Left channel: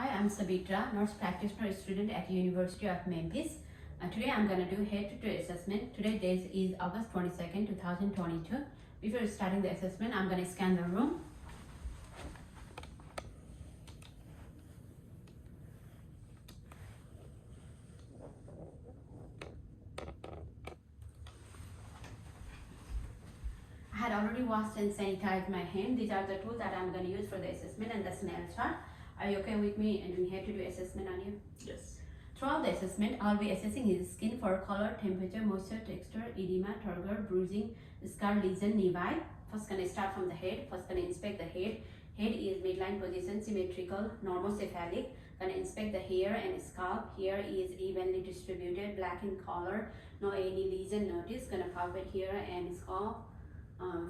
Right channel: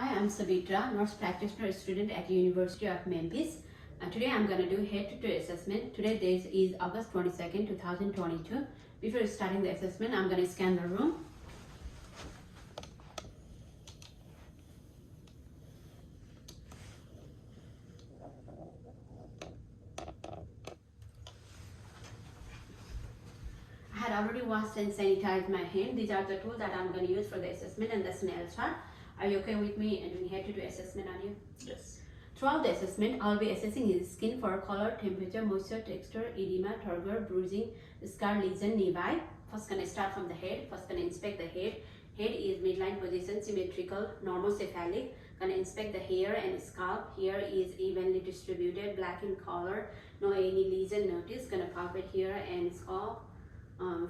Hi, I'm Sabitra, nurse practitioner student at University of Memphis. Today I'm going to do head-to-toe assessment. Today date is August 22nd, 2022. Before starting the assessment, I'm going to scan the room. I had already washed and sanitized my hand. These are the tools that I'm going to use for the assessment and the snail chart. Are you okay with me and doing head-to-toe assessment on you? Yes. Throughout the assessment, I'll be assessing his skin for color, temperature, moisture, texture, edema, turgor, bruising, scar, lesion, nevi. First, gonna start from the head. First, gonna inspect the head. Head is midline position, symmetrical, normocephalic. Gonna inspect the hair and scalp. Hair is evenly distributed, black in color. No any lesion notice. Gonna palpate hair and scalp.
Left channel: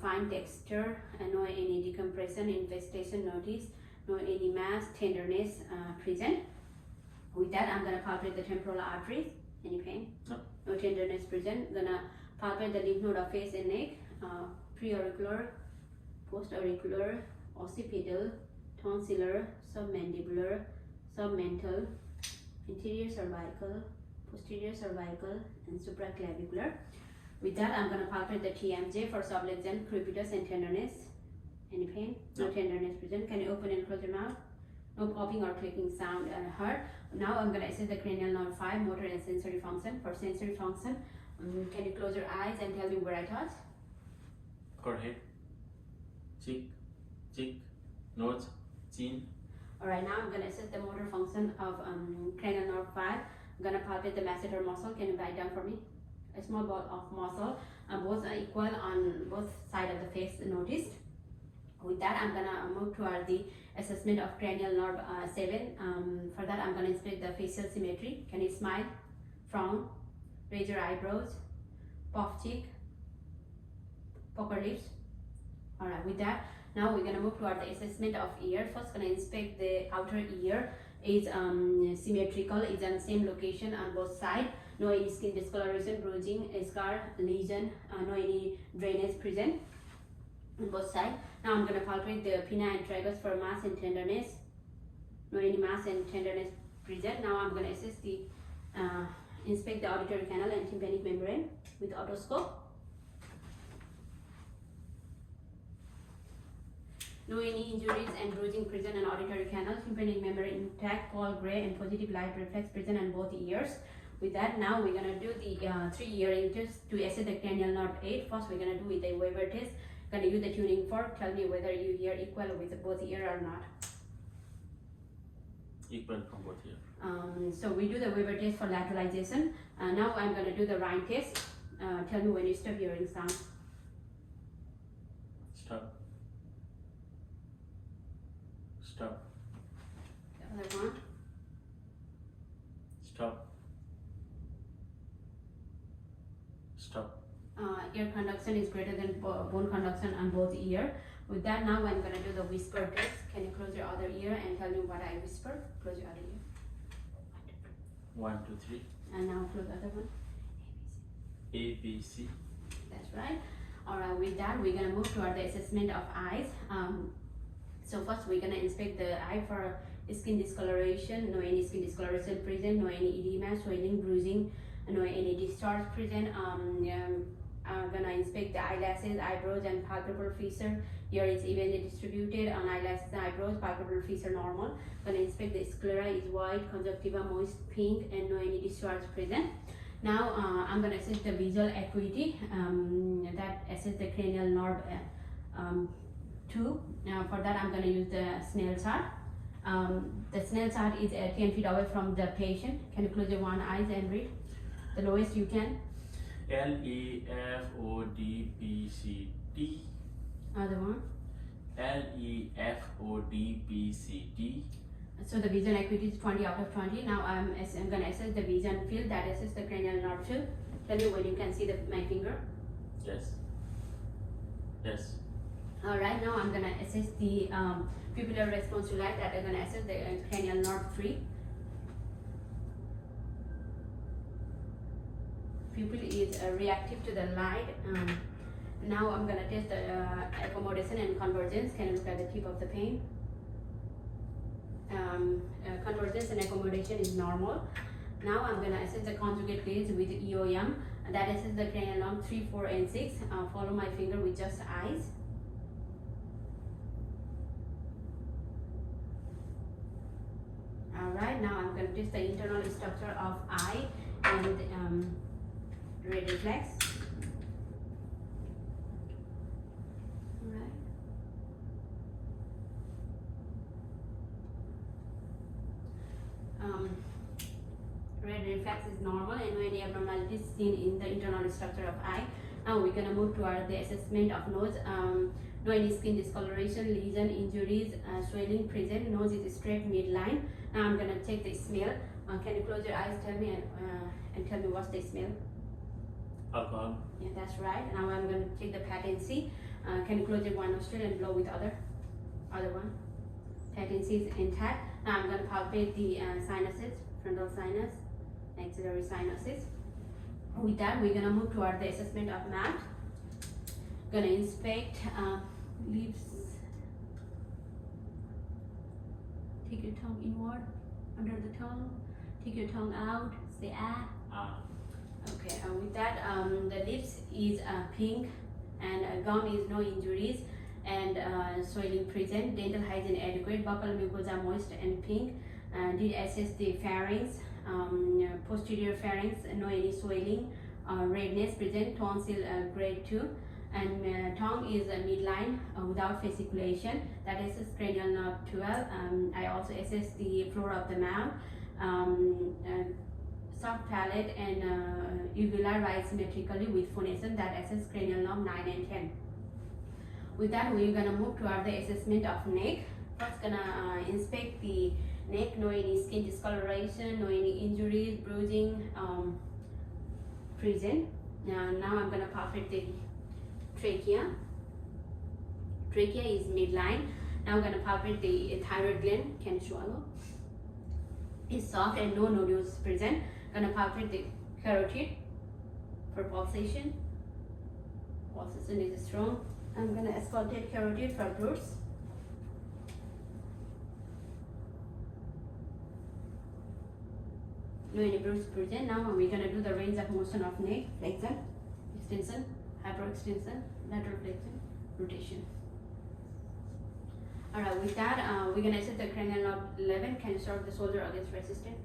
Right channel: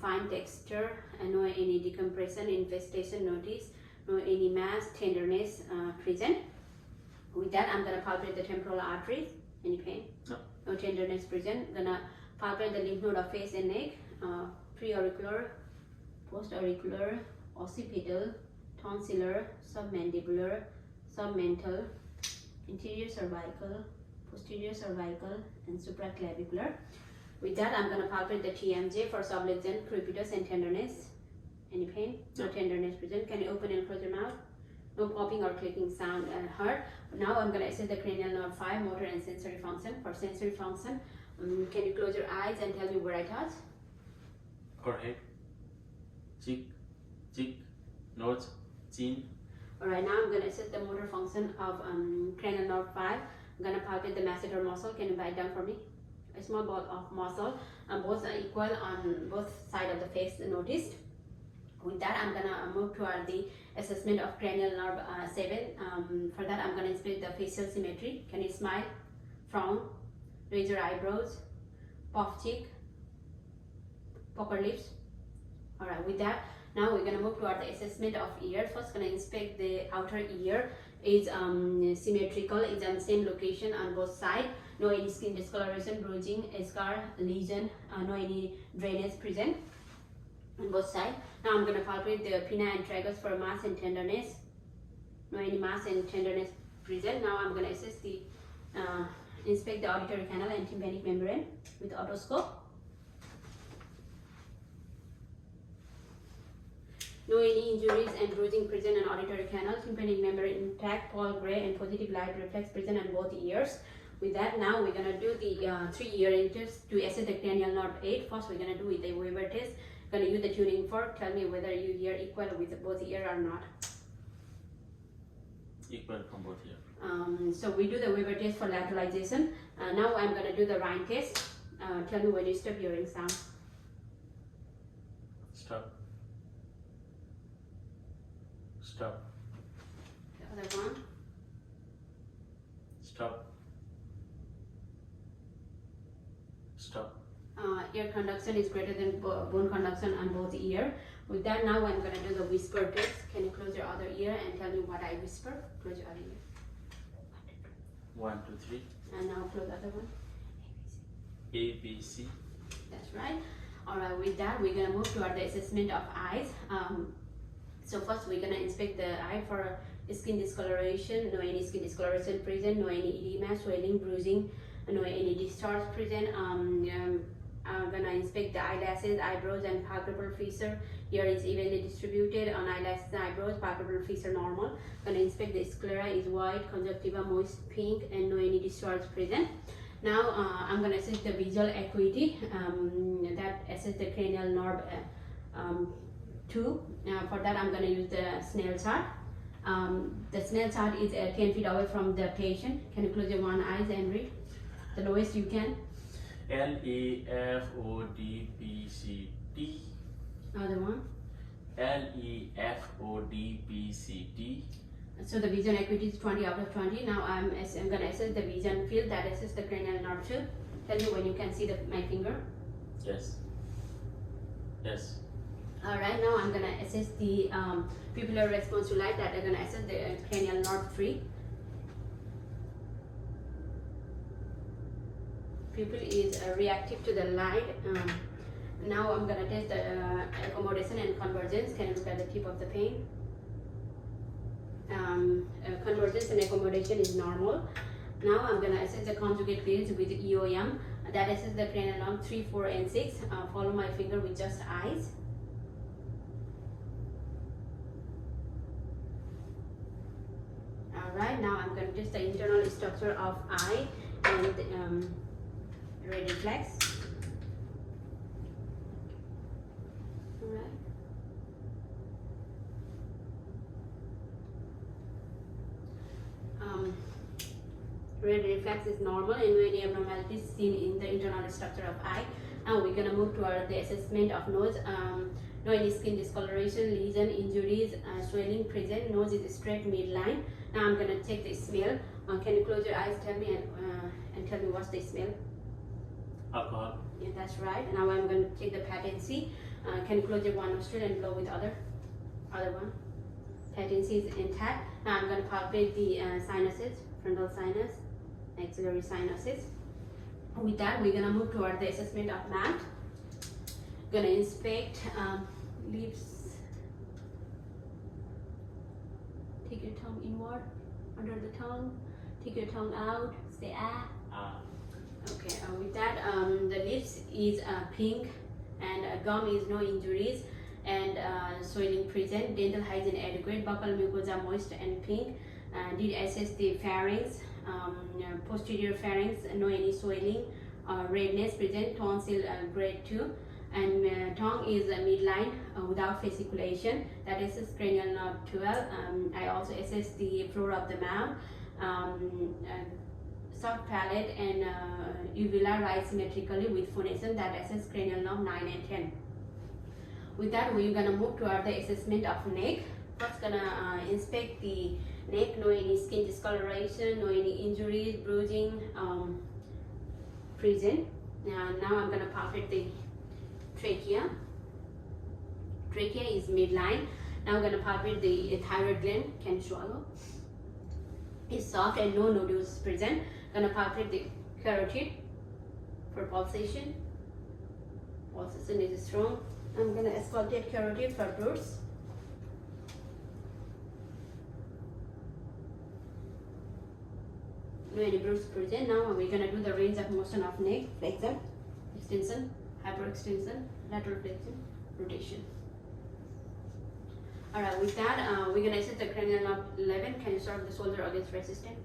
Fine texture and no any decompression, infestation notice. No any mass, tenderness present. With that, I'm gonna palpate the temporal arteries. Any pain? No. No tenderness present. Gonna palpate the lymph node of face and neck. Preauricular, postauricular, occipital, tonsillar, submandibular, submental, interior cervical, posterior cervical, and supraclavicular. With that, I'm gonna palpate the TMJ for subluxant, crepitus, and tenderness. Any pain? No tenderness present. Can you open and close your mouth? No popping or clicking sound heard. Now I'm going to assess the cranial nerve 5, motor and sensory function. For sensory function, can you close your eyes and tell me where I touch? Forehead, cheek, nose, chin. Alright, now I'm going to assess the motor function of cranial nerve 5. I'm going to palpate the masseter muscle. Can you write down for me? A small ball of muscle. Both are equal on both sides of the face noticed. With that, I'm gonna move toward the assessment of cranial nerve 7. For that, I'm gonna inspect the facial symmetry. Can you smile, frown, raise your eyebrows, puff cheek, pucker lips? Alright, with that, now we're gonna move toward the assessment of ear. First, gonna inspect the outer ear. Is symmetrical, is on the same location on both sides. No any skin discoloration, bruising, scar, lesion, no any drainage present on both sides. Now I'm going to palpate the pinna and tragus for mass and tenderness. No any mass and tenderness present. Now I'm going to assess the inspect the auditory canal and tympanic membrane with otoscope. No any injuries and bruising present on auditory canal, tympanic membrane intact, pale gray and positive light reflex present on both ears. With that, now we're going to do the 3 earring test to assess the cranial nerve 8. First, we're going to do with the Weber test. Going to use the tuning fork. Tell me whether you hear equal with both ear or not. Equal from both ears. So we do the Weber test for lateralization. Now I'm going to do the Rhine test. Tell me when you stop hearing sound. Stop. Stop. The other one. Stop. Stop. Ear conduction is greater than bone conduction on both ear. With that, now I'm going to do the whisper test. Can you close your other ear and tell me what I whisper? Close your other ear. 1, 2, 3. And now close the other one. A, B, C. That's right. Alright, with that, we're going to move toward the assessment of eyes. So first, we're going to inspect the eye for skin discoloration. No any skin discoloration present. No any edema, swelling, bruising. No any discharge present. I'm gonna inspect the eyelashes, eyebrows, and palpebral fissure. Here is evenly distributed on eyelashes, eyebrows, palpebral fissure normal. Gonna inspect the sclera is white, conjunctiva moist, pink, and no any discharge present. Now I'm gonna assess the visual acuity. That assess the cranial nerve 2. Now for that, I'm gonna use the snail chart. The snail chart is 10 feet away from the patient. Can you close your one eyes and read? The lowest you can. L, E, F, O, D, P, C, D. Other one. L, E, F, O, D, P, C, D. So the vision acuity is 20 out of 20. Now I'm going to assess the vision field that assess the cranial nerve 2. Tell me when you can see my finger. Yes. Yes. Alright, now I'm going to assess the pupillar response to light that is going to assess the cranial nerve 3. Pupil is reactive to the light. Now I'm going to test the accommodation and convergence. Can you look at the tip of the pen? convergence and accommodation is normal. Now I'm going to assess the conjugate fields with EOM. That assess the cranial nerve 3, 4, and 6. Follow my finger with just eyes. Alright, now I'm going to test the internal structure of eye and red reflex. Alright. Red reflex is normal and no any abnormalities seen in the internal structure of eye. Now we're gonna move toward the assessment of nose. No any skin discoloration, lesion, injuries, swelling present. Nose is straight midline. Now I'm gonna check the smell. Can you close your eyes? Tell me and tell me what's the smell. Alcohol. Yeah, that's right. Now I'm gonna check the patency. Can you close your one nostril and blow with other one? Patency is intact. Now I'm gonna palpate the sinuses, frontal sinus, maxillary sinuses. With that, we're gonna move toward the assessment of mouth. Gonna inspect lips. Take your tongue inward, under the tongue. Take your tongue out. Say ah. Okay. With that, the lips is pink, and gum is no injuries, and swelling present. Dental hygiene adequate. Buccal mucosa moist and pink. Did assess the pharynx. Posterior pharynx, no any swelling, redness present, tonsil grade 2, and tongue is midline without fasciculation. That assess cranial nerve 12. I also assess the floor of the mouth, soft palate, and uvula rise symmetrically with phonation. That assess cranial nerve 9 and 10. With that, we're gonna move toward the assessment of neck. First, gonna inspect the neck. No any skin discoloration, no any injuries, bruising present. Now I'm gonna palpate the trachea. Trachea is midline. Now I'm gonna palpate the thyroid gland. Can swallow. It's soft and no nodules present. Gonna palpate the carotid for pulsation. Pulsation is strong. I'm gonna auscultate carotid for bruise. Any bruise present. Now we're gonna do the range of motion of neck, flexion, extension, hyperextension, lateral flexion, rotation. Alright, with that, we're gonna assess the cranial nerve 11. Can you serve the shoulder against resistance?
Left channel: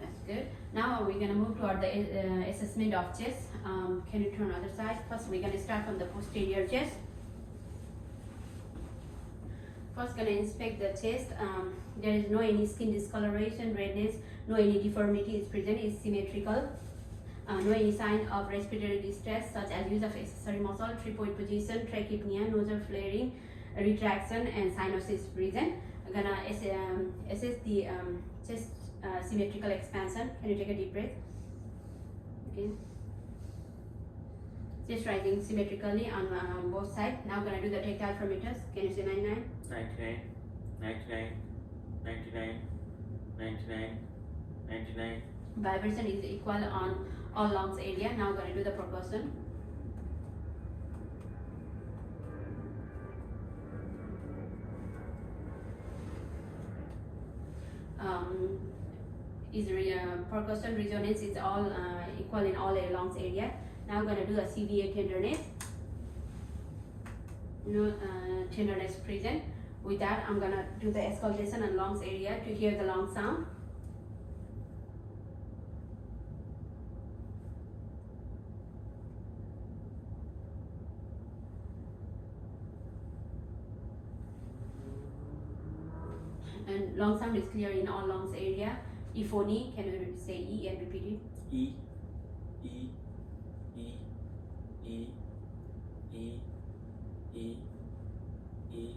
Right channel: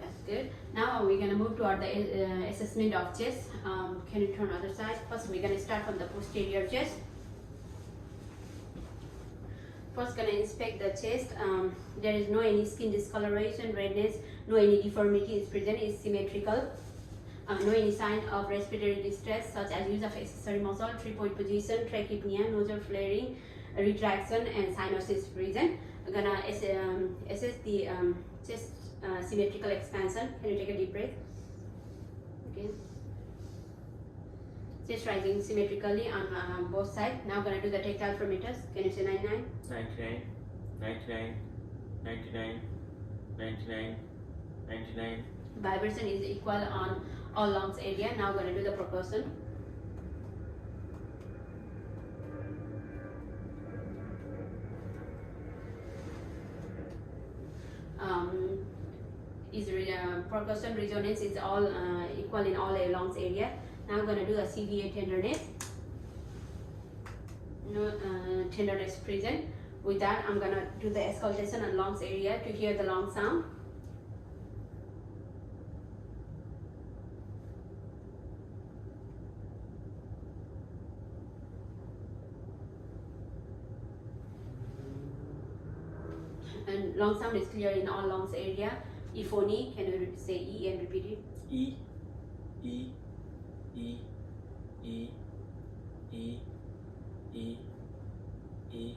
That's good. Now we're gonna move toward the assessment of chest. Can you turn other side? First, we're gonna start from the posterior chest. First, gonna inspect the chest. There is no any skin discoloration, redness, no any deformity is present, is symmetrical. No any sign of respiratory distress such as use of accessory muscle, 3-point position, trachypnea, nasal flaring, retraction, and cyanosis present. I'm gonna assess the chest symmetrical expansion. Can you take a deep breath? Okay. Chest rising symmetrically on both sides. Now I'm gonna do the tactile parameters. Can you say 99? 99, 99, 99, 99, 99. Vibration is equal on all lungs area. Now I'm gonna do the percussion. Percussion resonance is all equal in all lungs area. Now I'm gonna do the CVA tenderness. No tenderness present. With that, I'm gonna do the auscultation on lungs area to hear the lung sound. And lung sound is clear in all lungs area. Euphony, can you say E and repeat it? E, E, E, E, E, E, E,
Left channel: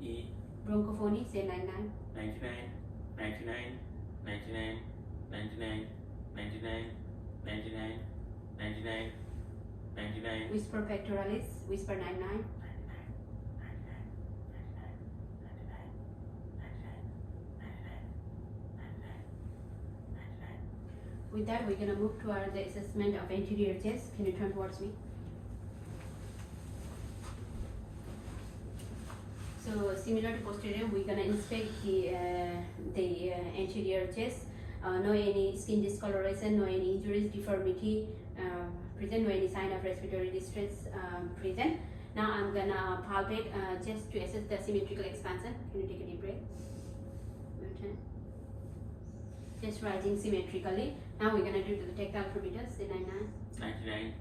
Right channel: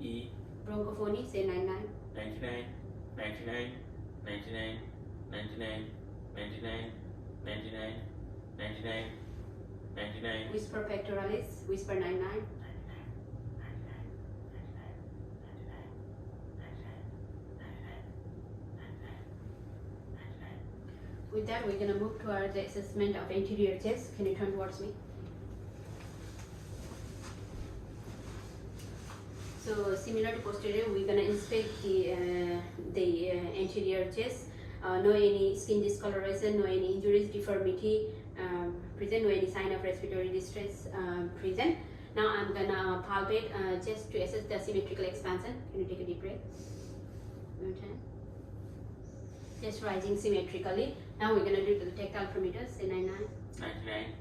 E. Bronchophony, say 99. 99, 99, 99, 99, 99, 99, 99, 99. Whisper pectoralis, whisper 99. With that, we're gonna move toward the assessment of anterior chest. Can you turn towards me? So similar to posterior, we're gonna inspect the anterior chest. No any skin discoloration, no any injuries, deformity present, no any sign of respiratory distress present. Now I'm gonna palpate just to assess the symmetrical expansion. Can you take a deep breath? Okay. Just rising symmetrically. Now we're gonna do the tactile parameters. Say 99. 99,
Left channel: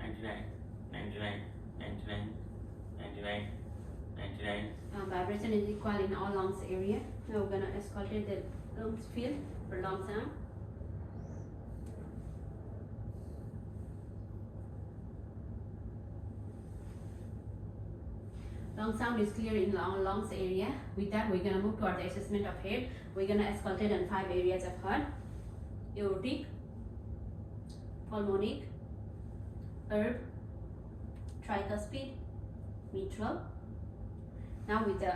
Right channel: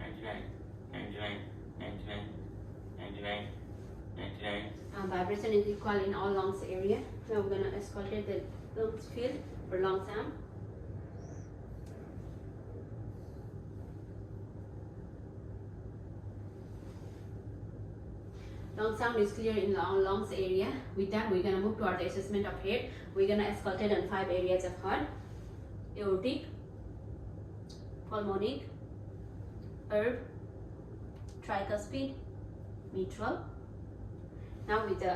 99, 99, 99, 99, 99. Vibration is equal in all lungs area. Now we're gonna auscultate the lungs field for lung sound. Lung sound is clear in lungs area. With that, we're gonna move toward the assessment of head. We're gonna auscultate on 5 areas of heart: aortic, pulmonic, herb, tricuspid, mitral. Now with the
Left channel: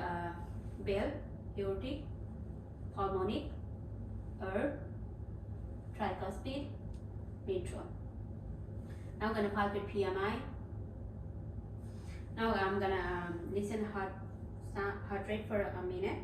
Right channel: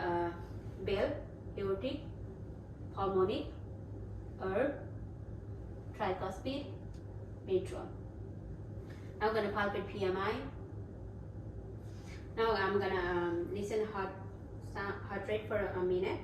bell, aortic, pulmonic, herb, tricuspid, mitral. Now I'm gonna palpate PMI. Now I'm gonna listen heart rate for a minute.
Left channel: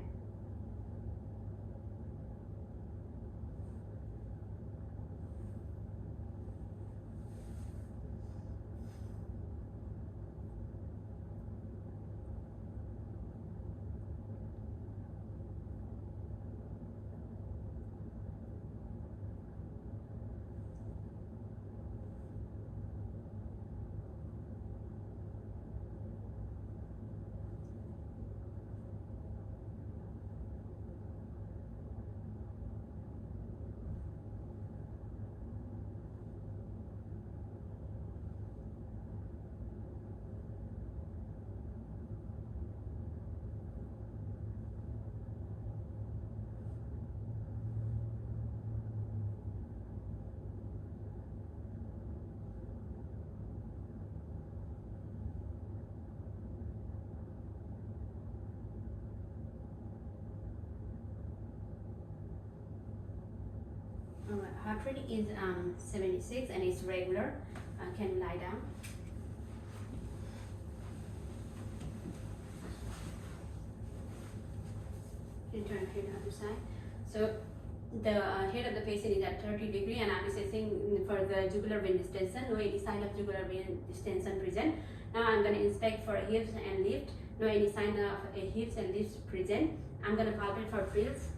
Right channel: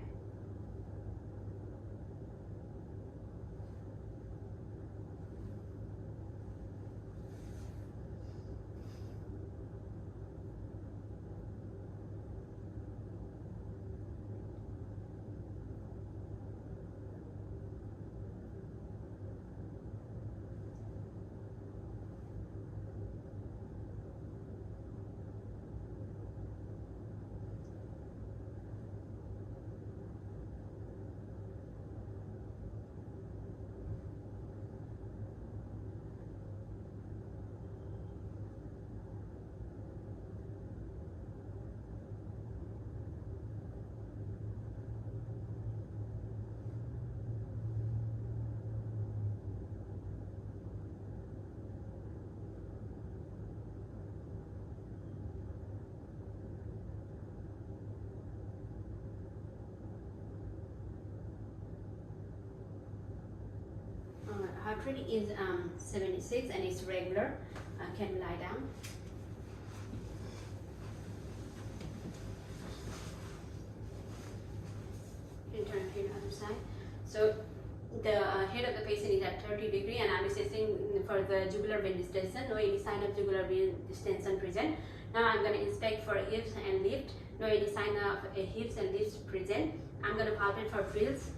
Heart rate is 76 and it's regular. Can you lie down? Can you turn to the other side? So the head of the patient is at 30 degrees and I'm assessing for the jugular vein distension. No any sign of jugular vein distension present. Now I'm going to inspect for hips and lift. No any sign of hips and lifts present. I'm going to palpate for frills.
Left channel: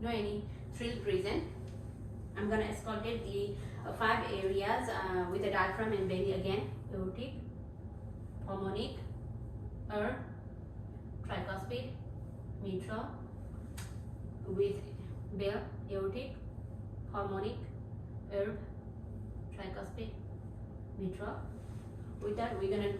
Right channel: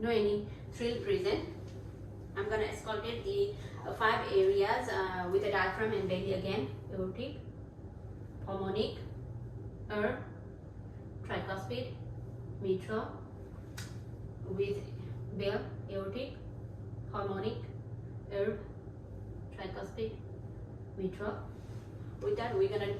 No any frill present. I'm gonna auscultate the 5 areas with the diaphragm and belly again: aortic, pulmonic, herb, tricuspid, mitral, with bell, aortic, pulmonic, herb, tricuspid, mitral. With that, we're gonna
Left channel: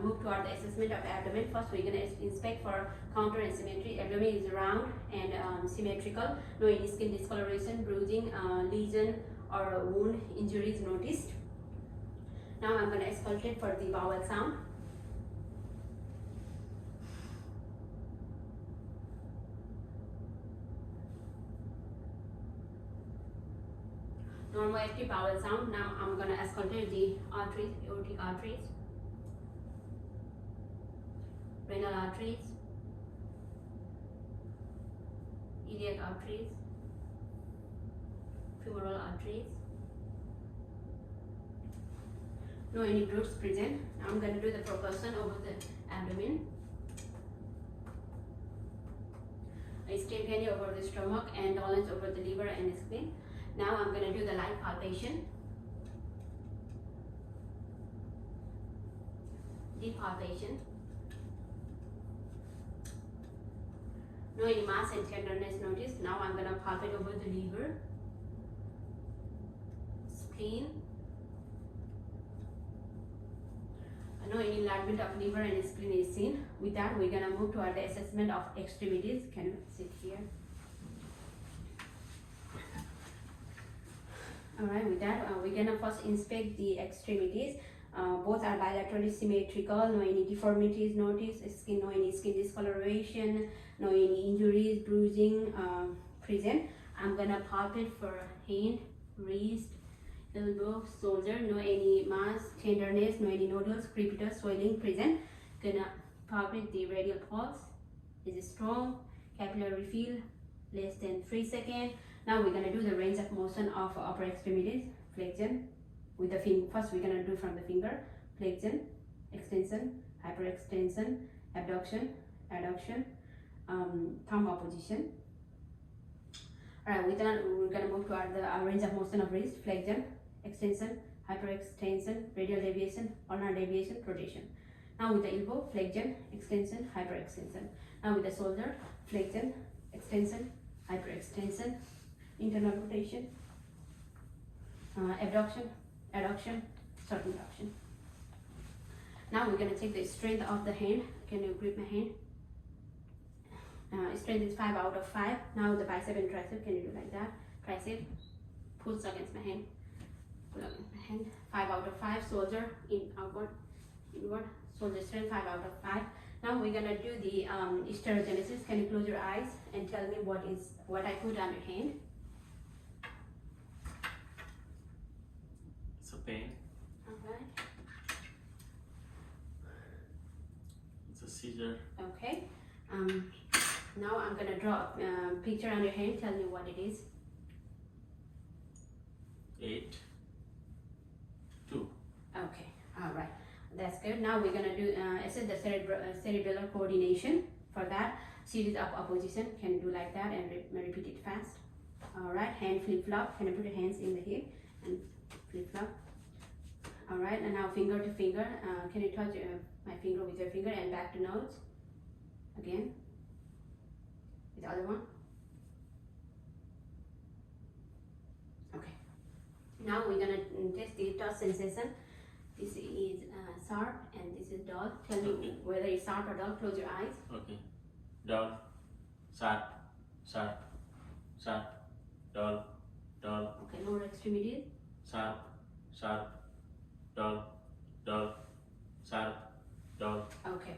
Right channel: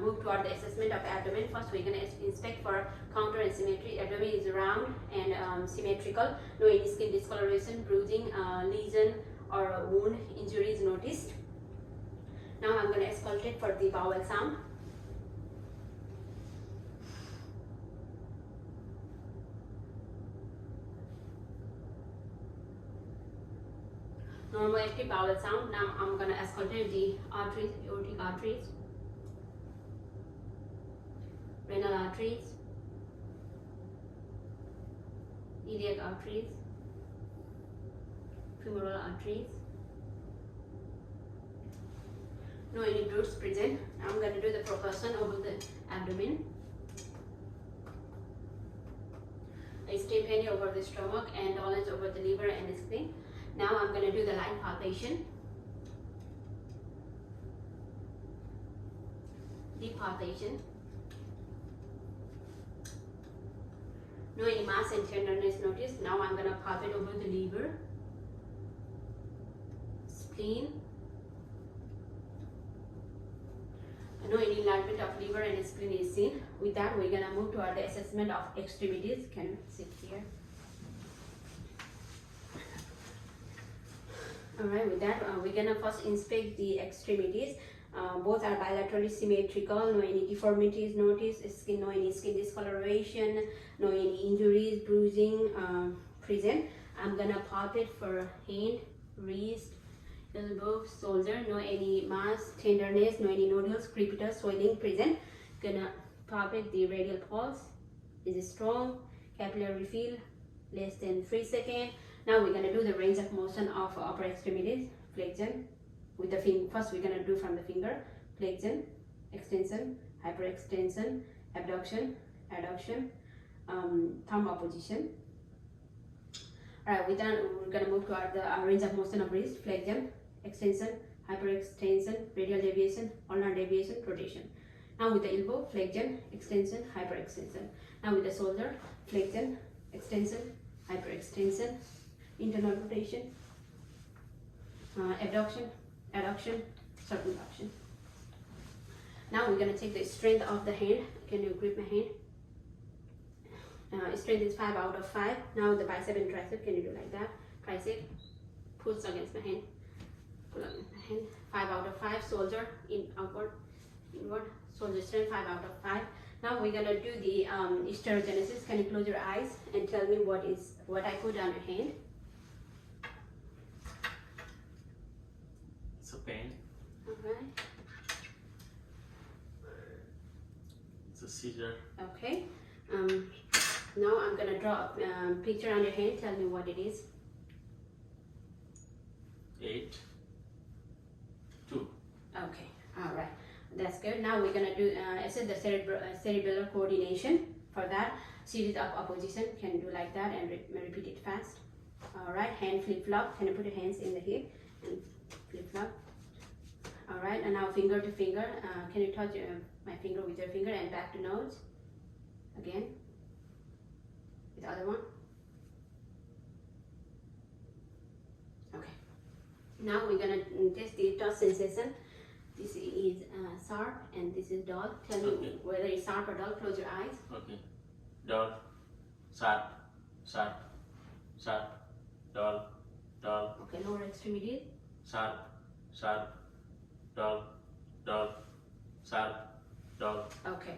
move toward the assessment of the abdomen. First, we're gonna inspect for counter and symmetry. Abdomen is round and symmetrical. No any skin discoloration, bruising, lesion, or wound injuries noticed. Now I'm gonna auscultate for the bowel sound. Normal active bowel sound. Now I'm gonna auscultate the arteries, aortic arteries, renal arteries, iliac arteries, femoral arteries. No any bruits present. Now I'm gonna do the percussion over the abdomen. I stay penny over the stomach and dolens over the liver and spleen. Now I'm going to do the light palpation, deep palpation. No any mass and tenderness noticed. Now I'm going to palpate over the liver, spleen. No any enlargement of liver and spleen is seen. With that, we're going to move toward the assessment of extremities. Can you sit here? Alright, with that, we're gonna first inspect the extremities. Both are bilaterally symmetrical. No any deformities noticed. No any skin discoloration. No any injuries, bruising present. I'm gonna palpate for hand, wrist, elbow, shoulder, no any mass, tenderness, no any nodules, crepitus, swelling present. Gonna palpate the radial pulse. Is it strong? Capillary fill less than 3 seconds. Now we're gonna do the range of motion of upper extremities. Flexion with the finger. First we're gonna do from the finger. Flexion, extension, hyperextension, abduction, adduction, thumb opposition. Alright, we're gonna move to our range of motion of wrist. Flexion, extension, hyperextension, radial deviation, ulnar deviation, rotation. Now with the elbow, flexion, extension, hyperextension. Now with the shoulder, flexion, extension, hyperextension, internal rotation, abduction, adduction, circumduction. Now we're gonna take the strength of the hand. Can you grip my hand? Strength is 5 out of 5. Now the bicep and tricep, can you do like that? Tricep, push against my hand, pull against my hand. 5 out of 5. Shoulder, in, outward, inward. Shoulder strength 5 out of 5. Now we're gonna do the stereogenesis. Can you close your eyes and tell me what I put on your hand? It's a pen. Okay. It's a scissor. Okay. Now I'm gonna draw a picture on your hand. Tell me what it is. 8, 2. Okay. All right. That's good. Now we're gonna do the cerebellar coordination. For that, series of opposition. Can you do like that and repeat it fast? All right. Hand flip flop. Can you put your hands in the hip and flip flop? All right. And now finger to finger. Can you touch my finger with your finger and back to nose? Again. The other one. Okay. Now we're gonna test the touch sensation. This is sharp and this is dull. Tell me whether it's sharp or dull. Close your eyes. Okay. Dull, sharp, sharp, sharp, dull, dull. Okay, lower extremities. Sharp, sharp, dull, dull, sharp, dull. Okay.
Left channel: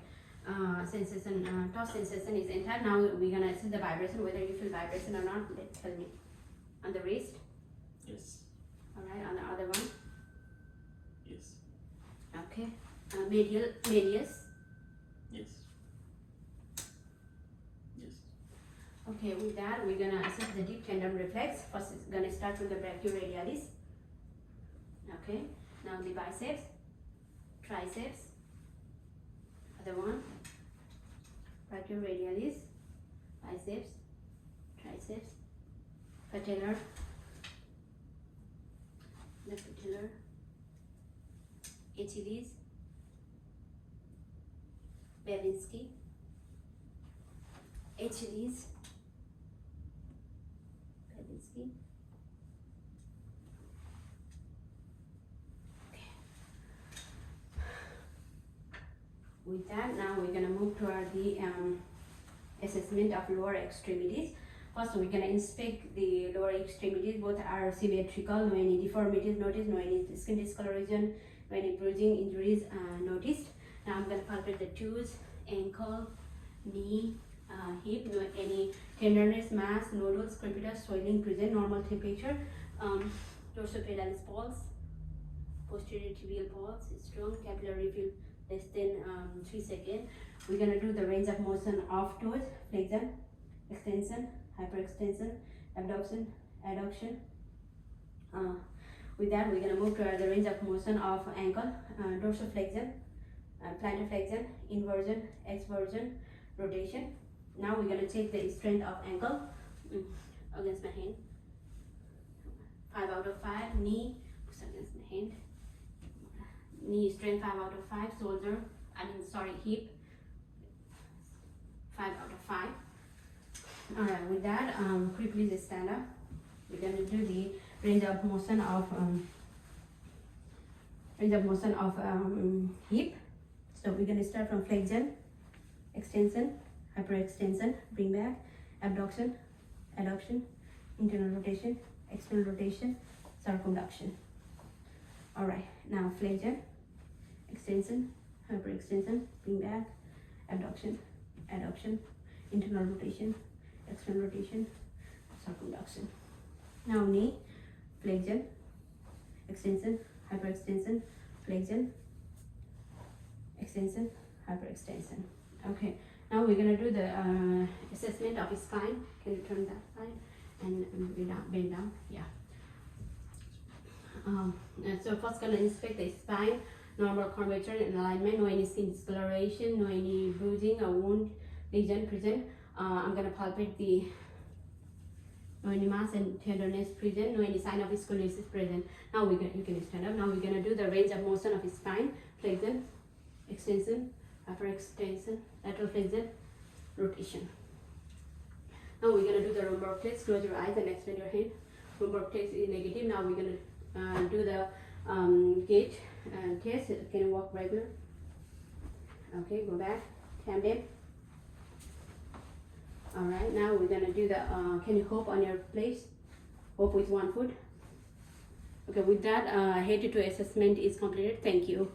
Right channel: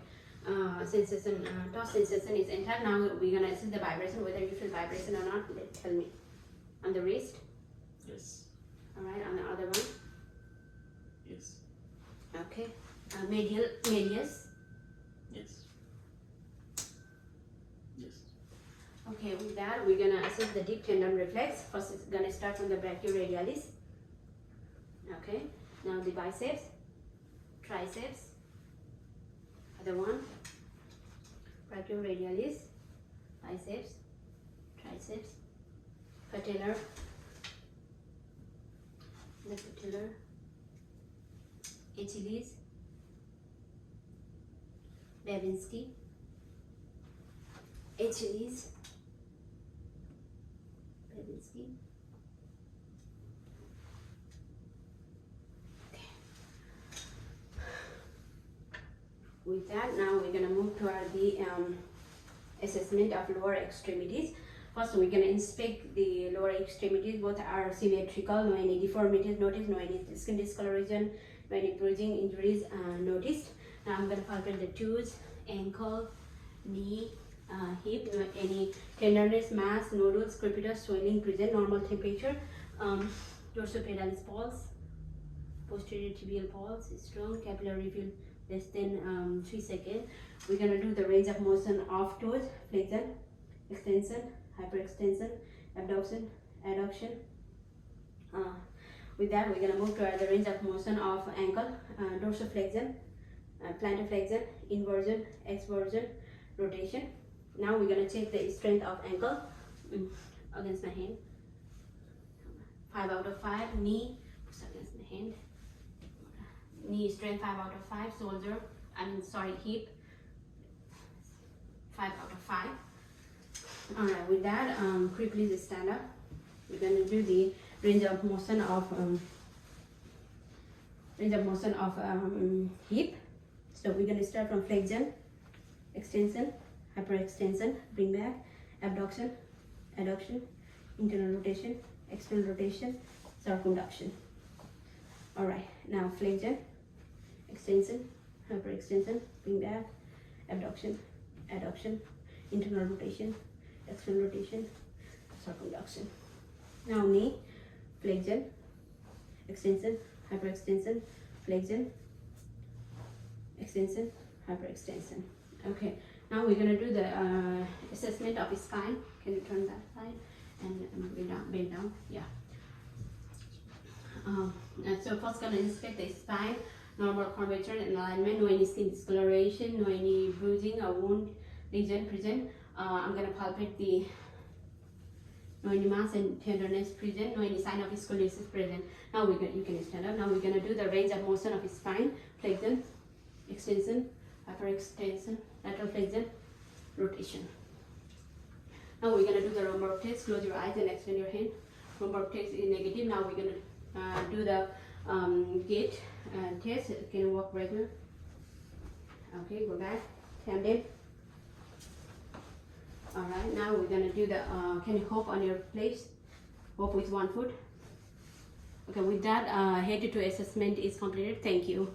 Sensation, touch sensation is intact. Now we're gonna assess the vibration, whether you feel vibration or not. Tell me. On the wrist. Yes. All right. On the other one. Yes. Okay. Medius. Yes. Yes. Okay. With that, we're gonna assess the deep tendon reflex. First, it's gonna start from the brachioradialis. Okay. Now the biceps, triceps. Other one. Brachioradialis, biceps, triceps, patellar, the patellar, Achilles, Babinski, Achilles, Babinski. Okay. With that, now we're gonna move to the assessment of lower extremities. First, we're gonna inspect the lower extremities. Both are symmetrical. No any deformities noticed. No any skin discoloration. No any bruising injuries noticed. Now I'm gonna palpate the toes, ankle, knee, hip. No any tenderness, mass, nodules, crepitus, swelling present. Normal temperature. Dorsopedalis pulse. Posterior tibial pulse is strong. Capillary fill less than 3 seconds. We're gonna do the range of motion of toes, flexion, extension, hyperextension, abduction, adduction. With that, we're gonna move to the range of motion of ankle, dorsiflexion, plantar flexion, inversion, exversion, rotation. Now we're gonna check the strength of ankle against my hand. 5 out of 5. Knee, push against my hand. Knee strength 5 out of 5. Shoulder, hip, 5 out of 5. Alright, with that, please stand up. We're going to do the range of motion of hip. So we're going to start from flexion, extension, hyperextension, bring back, abduction, adduction, internal rotation, external rotation, circumduction. Alright, now flexion, extension, hyperextension, bring back, abduction, adduction, internal rotation, external rotation, circumduction. Now knee, flexion, extension, hyperextension, flexion, extension, hyperextension. Okay, now we're gonna do the assessment of spine. Can you turn that side and bend down? Yeah. So first gonna inspect the spine, normal curvature and alignment, no any skin discoloration, no any bruising or wound lesion present. I'm gonna palpate the no any mass and tenderness present, no any sign of scoliosis present. Now you can stand up. Now we're gonna do the range of motion of spine, flexion, extension, hyperextension, lateral flexion, rotation. Now we're gonna do the Romberg test. Close your eyes and extend your hand. Romberg test is negative. Now we're gonna do the gait test. Can you walk regular? Okay, go back. Stand in. Alright, now we're gonna do the can you hop on your place? Hop with one foot. Okay, with that head to toe assessment is completed. Thank you.